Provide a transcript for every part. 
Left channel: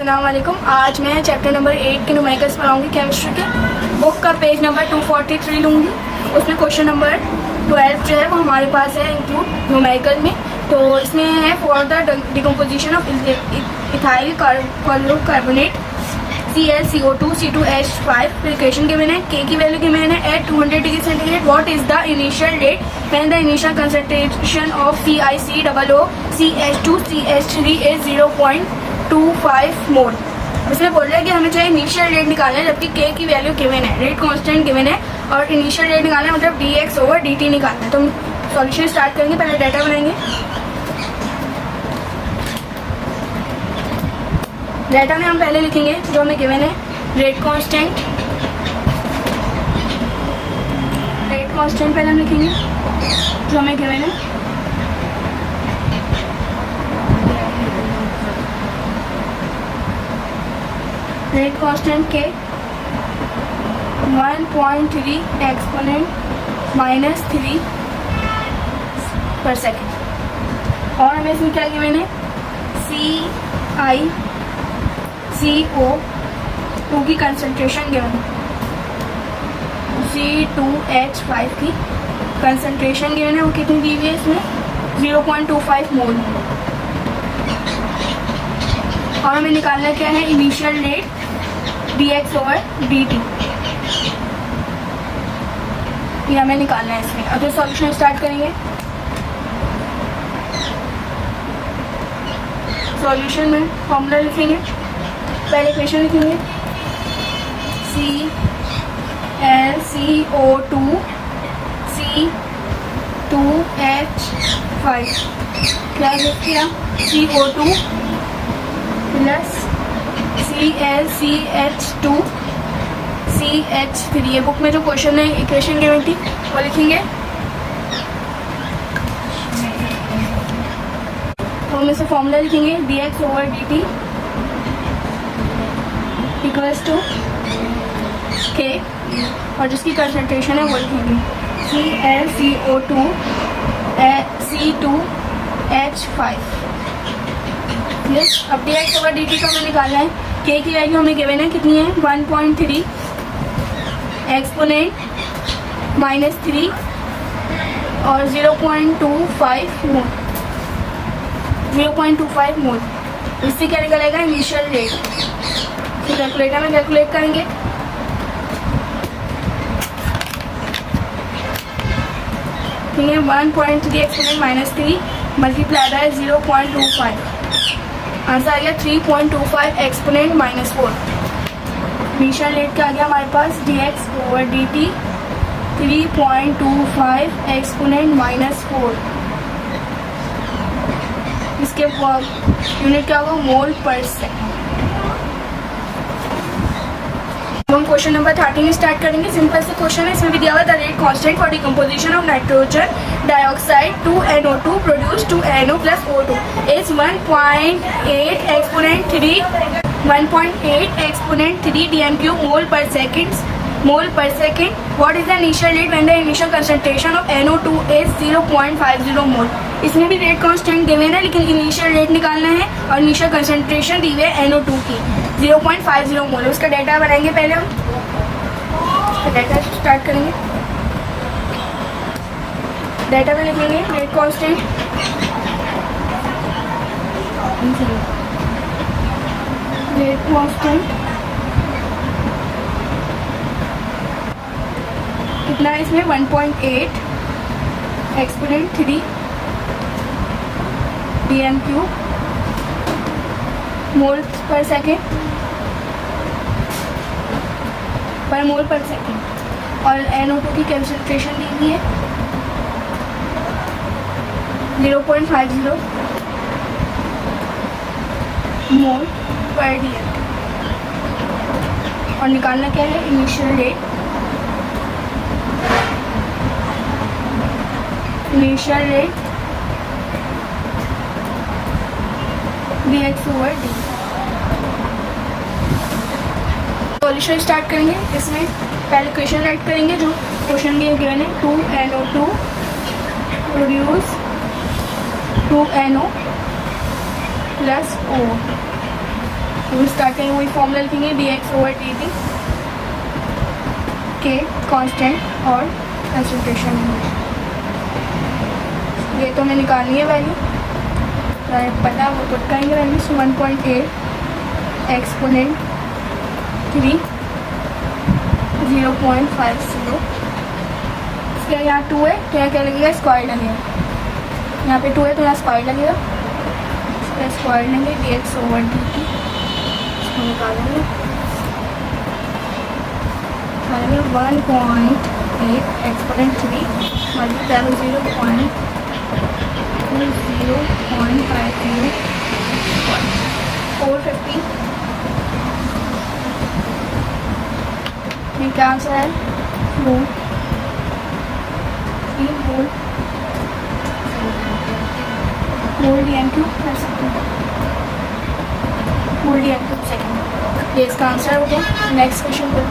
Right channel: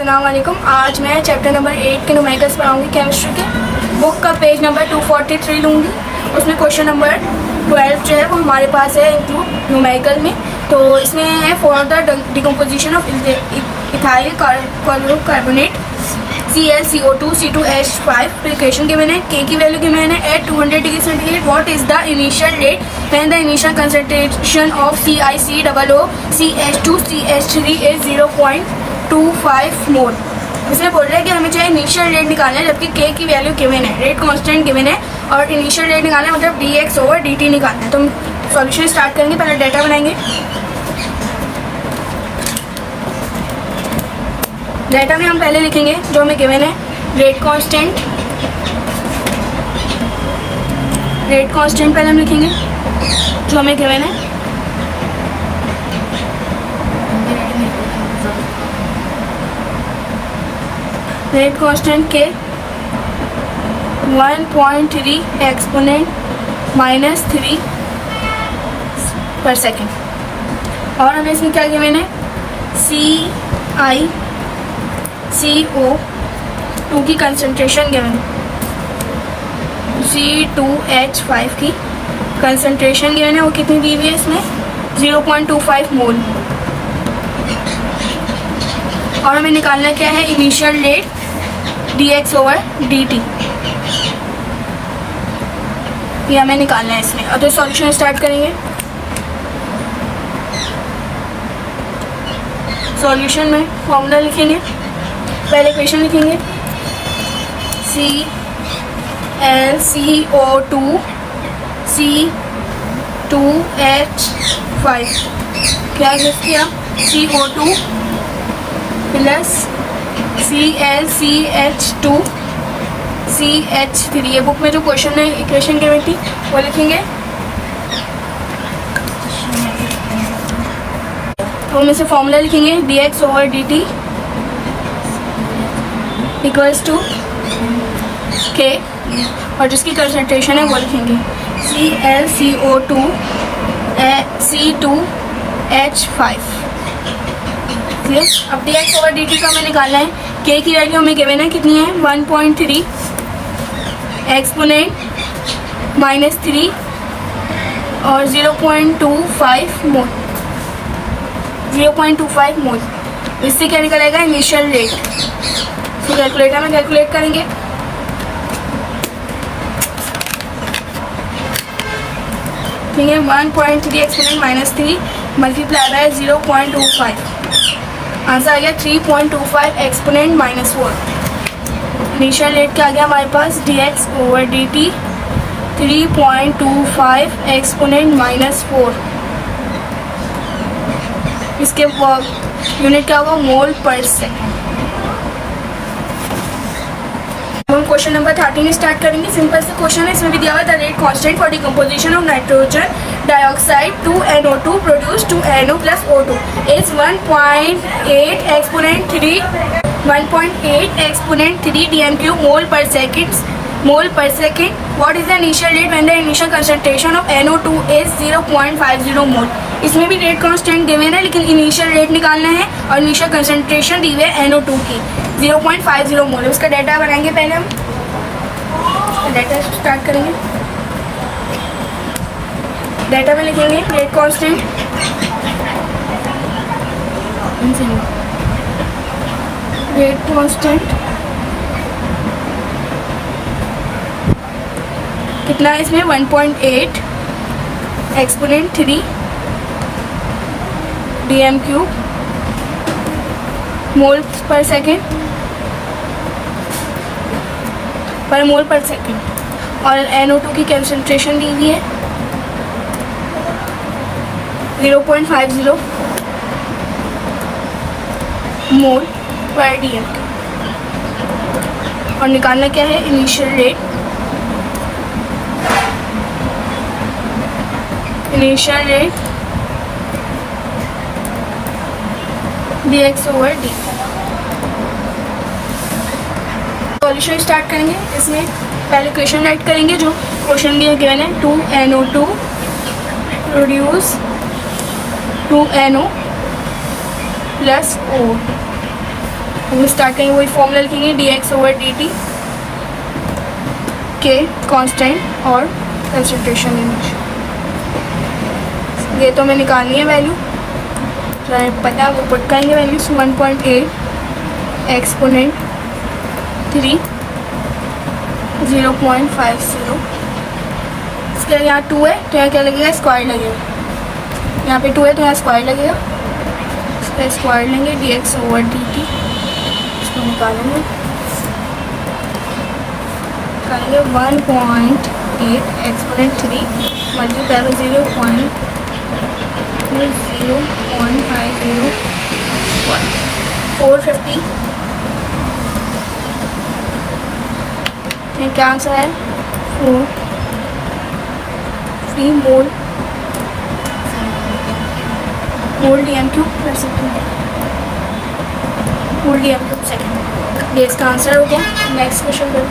अस्सलाम वालेकुम। आज मैं चैप्टर नंबर 8 के न्यूमेरिकल्स पढ़ाऊँगी केमिस्ट्री के। बुक का पेज नंबर 243 लूँगी। उसमें क्वेश्चन नंबर 12 जो है वो हमारे पास है इंक्लूड न्यूमेरिकल में। तो इसमें है for the decomposition of ethyl carbonate ClCO2 C2H5 equation given है। K की वैल्यू गिवन है at 200 degree centigrade. What is the initial rate when the initial concentration of CiCOO CH2 CH3 is 0.25 mole. इसमें बोल रहा है कि हमें चाहिए इनिशियल रेट निकालना है, जबकि K की वैल्यू गिवन है, रेट कांस्टेंट गिवन है और इनिशियल रेट निकालना है मतलब dx/dt निकालना है। तो हम सॉल्यूशन स्टार्ट करेंगे। पहले डाटा बनाएंगे। डाटा में हम पहले लिखेंगे जो हमें गिवन है रेट कांस्टेंट पहले हम लिखेंगे जो हमें गिवन है। रेट कांस्टेंट के 1.3 एक्सपोनेंट -3 पर सेकेंड। और हमें इसमें क्या गिवन है CiCO2 की कंसंट्रेशन गिवन है, C2H5 की कंसंट्रेशन गिवन है। वो कितनी दी हुई है इसमें 0.25 मोल। और हमें निकालना क्या है इनिशियल रेट dx/dt, ये हमें निकालना है इसमें। और तो सॉल्यूशन स्टार्ट करेंगे। सॉल्यूशन में फॉर्मूला लिखेंगे। पहले इक्वेशन लिखेंगे ClCO2 C2H5 क्या किया CO2 प्लस ClCH2 CH3। ये बुक में जो क्वेश्चन है इक्वेशन गिवन थी वो लिखेंगे। तो हम इसे फॉर्मूला लिखेंगे dx/dt इक्वल्स टू K और जिसकी कंसंट्रेशन है वो लिखेंगे ClCO2 C2H5। अब dx/dt को हमें निकालना है। K की वैल्यू हमें गिवन है कितनी है 1.3 एक्सपोनेंट -3 और 0.25 मोल। इससे क्या निकलेगा इनिशियल रेट। तो कैलकुलेटर में कैलकुलेट करेंगे। ठीक है 1.3 एक्सपोनेंट -3 मल्टीप्लाई बाय 0.25, आंसर आ गया 3.25 एक्सपोनेंट -4। इनिशियल रेट क्या आ गया हमारे पास dx/dt 3.25 एक्सपोनेंट -4। इसके यूनिट क्या होगा मोल पर सेकेंड। हम क्वेश्चन नंबर 13 स्टार्ट करेंगे। सिंपल से क्वेश्चन है। इसमें भी दिया हुआ है the rate constant for decomposition of nitrogen dioxide 2NO2 produce 2NO + O2 is 1.8 exponent 3 dm³ मोल पर second. What is the initial rate when the initial concentration of NO2 is 0.50 मोल। इसमें भी रेट कांस्टेंट गिवन है लेकिन initial rate निकालना है और initial concentration दी हुई है NO2 की 0.50 मोल। उसका डाटा बनाएंगे। पहले हम डाटा स्टार्ट करेंगे। डाटा में लिखेंगे रेट कांस्टेंट कितना है इसमें 1.8 एक्सपोनेंट 3 dm³ मोल पर सेकेंड और NO2 की कंसंट्रेशन दी हुई है 0.50 मोल पर dm। और निकालना क्या है initial rate dx/dt। Solution start करेंगे। इसमें पहले क्वेश्चन राइट करेंगे जो क्वेश्चन दिया गिवन है 2NO2 प्रोड्यूस 2NO + O हम स्टार्ट करेंगे, वही फॉर्मूला लिखेंगे dx/dt के कांस्टेंट और कंसंट्रेशन लिमिट। ये तो हमें निकालनी है वैल्यू, पता है वो पुट करेंगे वैल्यूज 1.8 एक्सपोनेंट 3 0.50। इसके यहाँ 2 है तो यहाँ क्या लगेगा, स्क्वायर लगेगा। यहाँ पे 2 है तो यहाँ स्क्वायर लगेगा, इसका स्क्वायर लेंगे dx/dt। इसको निकालेंगे 1.8 एक्सपोनेंट 3 मल्टीप्लाई 0.50 450। क्या आंसर है, 3 मोल DM³ per सेकेंड, मोल DM³ सेकेंड। ये इसका आंसर हो गया। नेक्स्ट क्वेश्चन करो।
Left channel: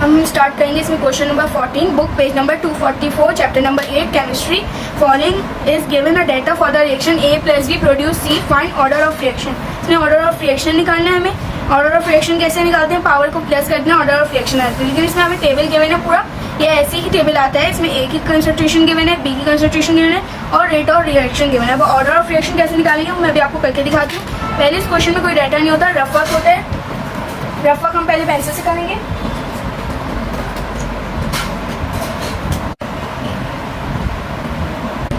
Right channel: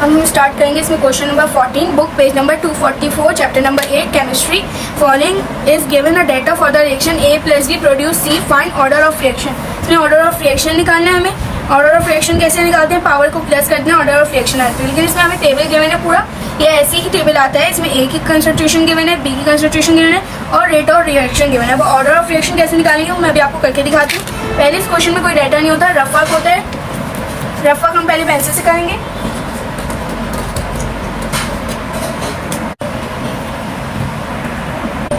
हम स्टार्ट करेंगे इसमें question number 14, book page number 244, chapter number 8 chemistry. Following is given a data for the reaction A + B produce C, find order of reaction. इसमें order of reaction निकालना है हमें। ऑर्डर ऑफ रिएक्शन कैसे निकालते हैं, power को plus करते हैं, ऑर्डर ऑफ रिएक्शन आती है। लेकिन इसमें हमें टेबल गिवन है पूरा, ये ऐसे ही टेबल आता है। इसमें A की कंसंट्रेशन गिवन है, B की कंसंट्रेशन गिवन है और रेट ऑफ रिएक्शन गिवन है। अब ऑर्डर ऑफ रिएक्शन कैसे निकालेंगे मैं भी आपको करके दिखाती हूँ। पहले इस क्वेश्चन में कोई डाटा नहीं होता, रफ वर्क होता है। रफ वर्क हम पहले पेंसिल से करेंगे।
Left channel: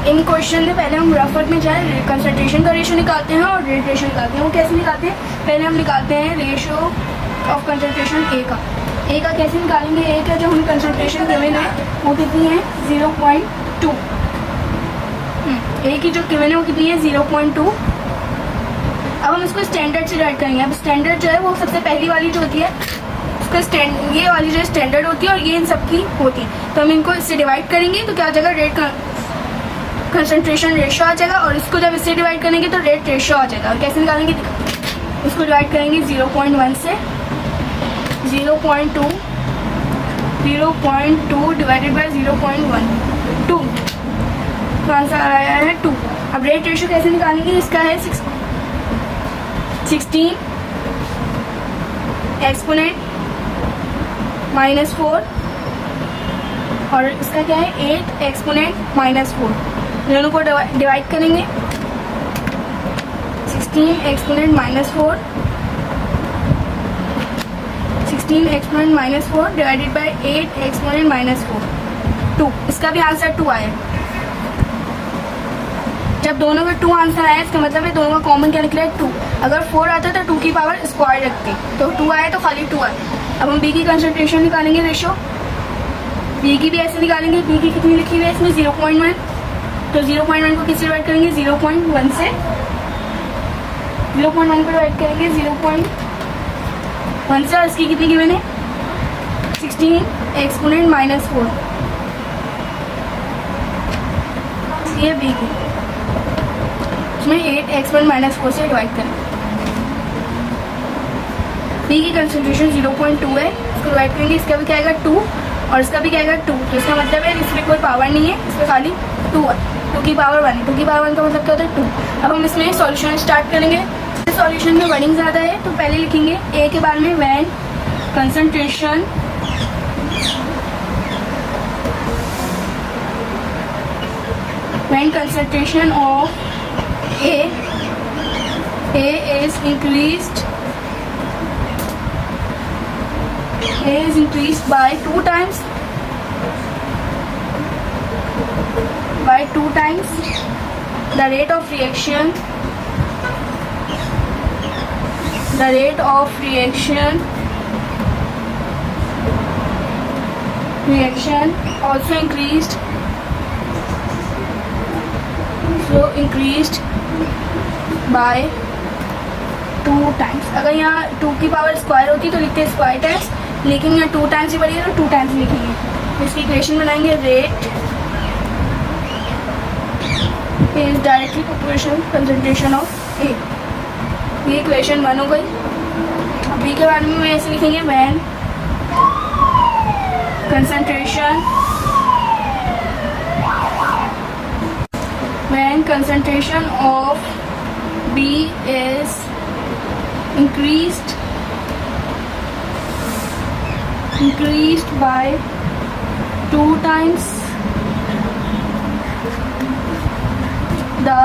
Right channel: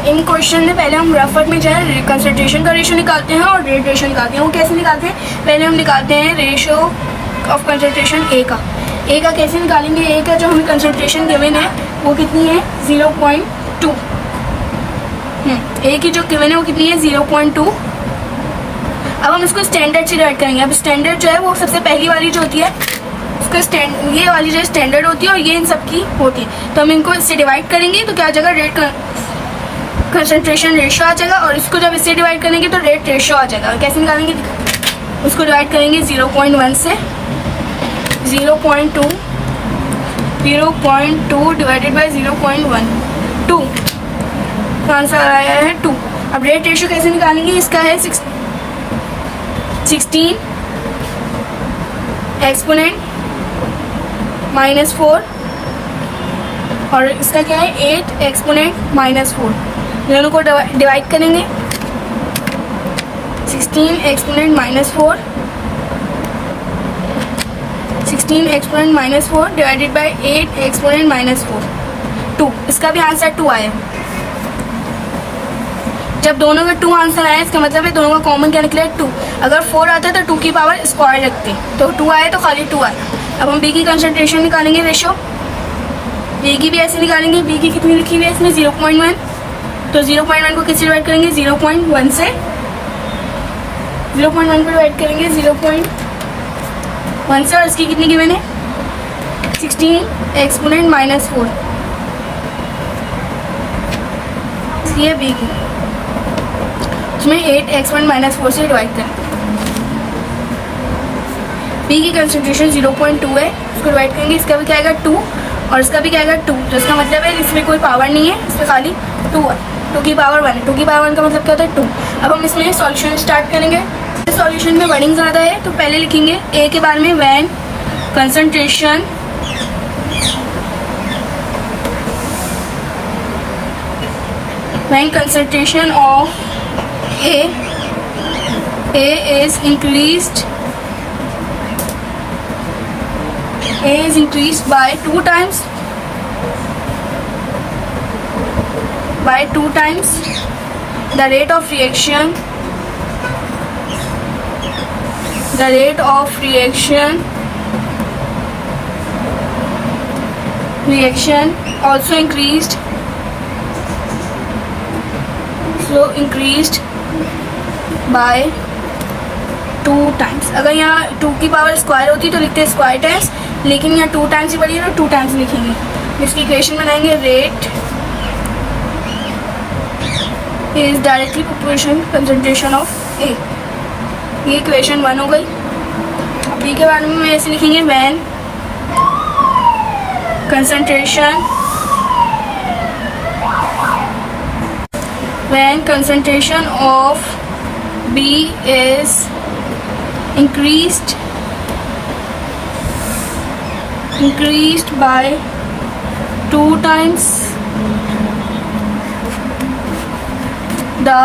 इन क्वेश्चन में पहले हम रफ वर्क में जाए, कंसंट्रेशन का रेशो निकालते हैं और रेट रेशो निकालते हैं। वो कैसे निकालते हैं, पहले हम निकालते हैं रेशो ऑफ कंसंट्रेशन A का। A का कैसे निकालेंगे, A का जो हमें कंसंट्रेशन गिवन है वो कितनी है 0.2। A की जो गिवन है वो कितनी है 0.2। अब हम इसको स्टैंडर्ड से डिवाइड करेंगे। अब स्टैंडर्ड जो है वो सबसे पहली वाली जो होती है इसका ये वाली जो स्टैंडर्ड होती है और ये इन सब की होती है, तो हम इनको इससे डिवाइड करेंगे तो क्या आ जाएगा, रेट कंसंट्रेशन रेशो आ जाएगा। और इसको जब इससे डिवाइड करेंगे तो रेट रेशो आ जाएगा। कैसे निकालेंगे, उसको डिवाइड करेंगे 0.1 से, 0.2 डिवाइडेड बाई 0.1 2, तो आंसर आया है 2। अब रेट रेशो कैसे निकालेंगे, इसका है 16 एक्सपोनेंट -4 और इसका क्या है 8 एक्सपोनेंट -4। दोनों को डिवाइड करेंगे, 16 एक्सपोनेंट -4 डिवाइडेड बाई 8 एक्सपोनेंट -4 2। इसका भी आंसर 2 आया। जब दोनों का 2 आंसर आया इसका मतलब है दोनों का कॉमन क्या निकला है 2। अगर 4 आता है तो 2 की पावर स्क्वायर रखते हैं, तो 2 आया तो खाली 2 आया। अब हम B की कंसंट्रेशन निकालेंगे रेशो, B की भी ऐसे निकालेंगे। B की कितनी लिखी हुई है इसमें 0.1, तो 0.1 को किससे डिवाइड करेंगे 0.1 से, 0.1 को डिवाइड करेंगे 0.1 से और इसकी कितनी गिवन है 16 एक्सपोनेंट -4। ये B की इसमें 8 एक्सपोनेंट -4 से डिवाइड करें। B की कंसंट्रेशन 0.2 है, इसको डिवाइड करेंगे, इसका भी क्या आएगा 2 और इसका भी क्या आएगा 2। तो इसका मतलब है इसमें कोई पावर नहीं है, इसमें खाली 2 है। 2 की पावर 1 है, 2 की पावर 1 का मतलब क्या होता है 2। अब हम इसमें सॉल्यूशन स्टार्ट करेंगे। सॉल्यूशन में वर्डिंग ज़्यादा है तो पहले लिखेंगे A के बारे में, when concentration of A is increased by 2 times the rate of reaction also increased by 2 times। अगर यहाँ 2 की पावर स्क्वायर होती तो लिखते हैं स्क्वायर टाइम्स, लेकिन यहाँ 2 टाइम्स ही पड़ी है तो 2 टाइम्स लिखेंगे। इसकी इक्वेशन बनाएंगे, rate is directly proportional concentration of A। ये इक्वेशन 1 हो गई। B के बारे में ऐसे लिखेंगे, when concentration of B is increased by 2 times the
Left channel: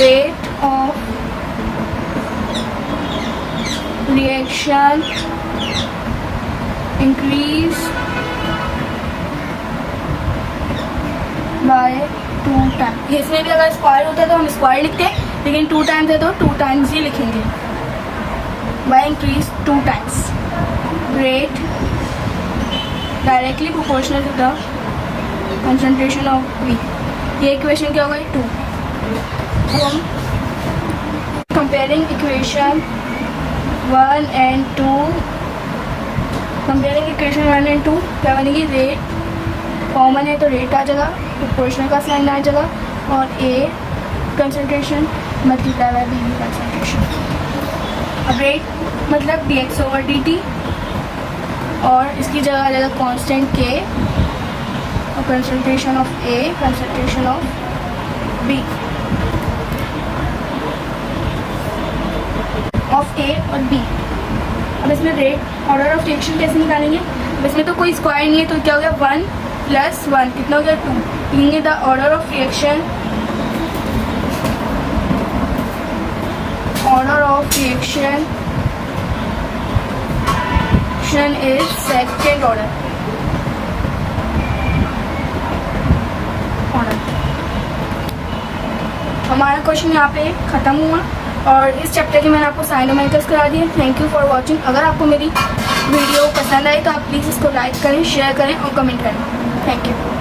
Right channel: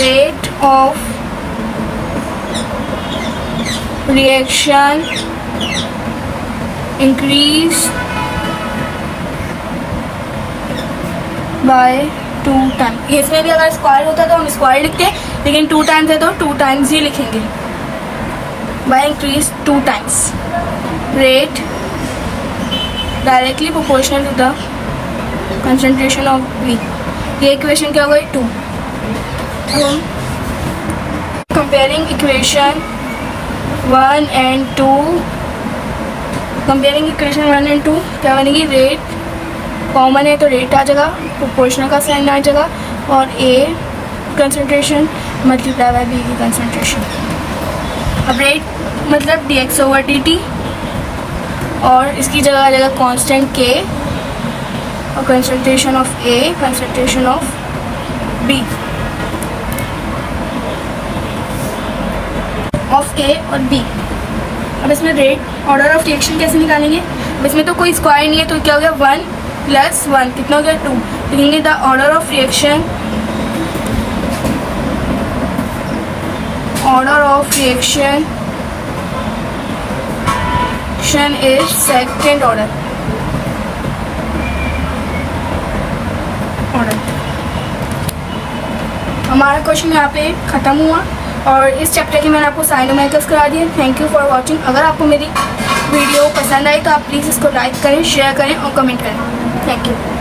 rate of reaction increase by 2 times। इसमें भी अगर स्क्वायर होता है तो हम स्क्वायर लिखते हैं, लेकिन 2 टाइम्स है तो 2 टाइम्स ही लिखेंगे। by increase 2 times rate directly proportional to the concentration of B। ये इक्वेशन क्या हो गई 2। अब हम comparing equation 1 and 2, comparing equation 1 and 2 क्या बनेगी, रेट कॉमन है तो रेट आ जाएगा, प्रोपोर्शनल का साइन आ जाएगा, और A concentration multiply by B की कंसंट्रेशन। अब रेट मतलब dx ओवर dt, और इसकी जगह आ जाएगा कांस्टेंट k, और concentration of A concentration of B, of A और बी। अब इसमें रेट ऑर्डर ऑफ रिएक्शन कैसे निकालेंगे, अब इसमें तो कोई स्क्वायर नहीं है तो क्या हो गया 1 + 1 कितना हो गया 2। लिखेंगे the order of reaction is second order. हमारा क्वेश्चन यहाँ पे ख़त्म हुआ, और इस चैप्टर की मैंने आपको साइन न्यूमेरिकल्स करा दी। Thank you for watching. अगर आपको मेरी वीडियो पसंद आई तो आप प्लीज़ इसको लाइक करें, शेयर करें और कमेंट करें। Thank you.